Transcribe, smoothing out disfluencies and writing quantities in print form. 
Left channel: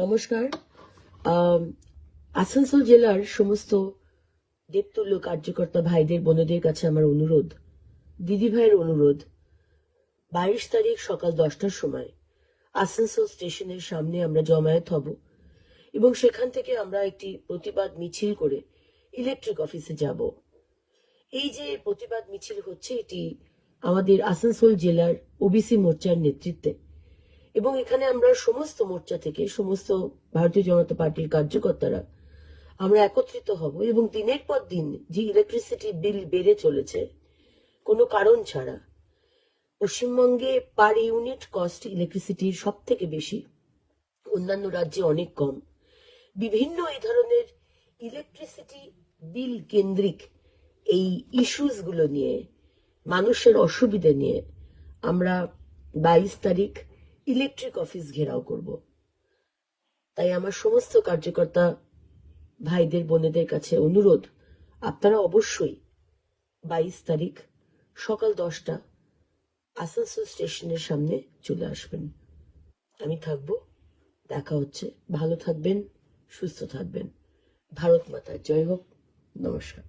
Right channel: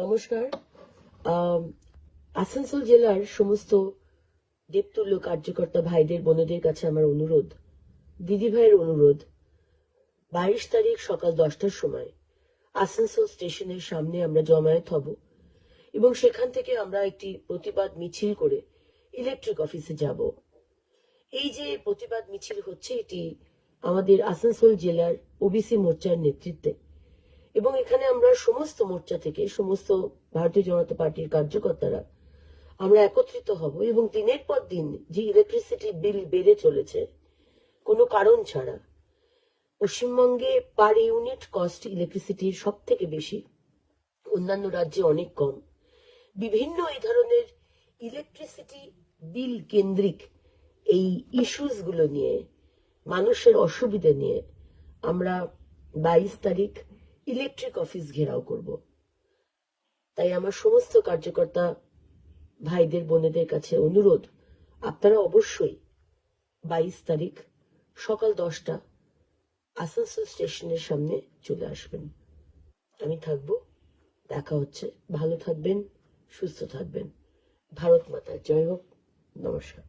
নমস্কার। আসানসোল জেলার সমস্ত দেবতুল্য কার্যকর্তা ভাইদের বোনদের কাছে আমার অনুরোধ, দিদি ভাইয়ের অনুরোধ, 22 তারিখ সকাল 10টার সময় আসানসোল স্টেশনের সামনে আমরা জমায়েত হব এবং সেখান থেকে আমরা একটি প্রতিবাদ মিছিল করে ইলেকট্রিক অফিসে যাব। এই যে প্রতিবাদ মিছিল হচ্ছে, এটি আমাদের আসানসোল জেলার ওবিসি মোর্চার নেতৃত্বে, এবং এখানে আমরা সমস্ত মোর্চা থেকে সমস্ত ভারতীয় জনতা পার্টির কার্যকর্তারা আমরা একত্রিত হব এবং দিনের পর দিন যে ইলেকট্রিসিটি বিল বেড়ে চলেছে কোনো কারণ ছাড়া, পশ্চিমবঙ্গে পার ইউনিট কস্ট ইলেকট্রিসিটির সব থেকে বেশি, অন্যান্য রাজ্যে অনেক কম। বিভিন্ন এই ধরনের ইলেকট্রিসিটি বিল কেন্দ্রিক এই ইস্যুস গুলো নিয়ে, মানুষের অসুবিধা নিয়ে আমরা 22 তারিখ ইলেকট্রিক অফিস ঘেরাও করব। তাই আমার সমস্ত কার্যকর্তা ভাইদের বোনেদের কাছে অনুরোধ, আপনারা অবশ্যই 22 তারিখ সকাল 10টা আসানসোল স্টেশনের সামনে চলে আসবেন। আমি থাকবো, দেখা হচ্ছে। ভালো থাকবেন, সুস্থ থাকবেন। ভারত মাতা জয় হোক। নমস্কার।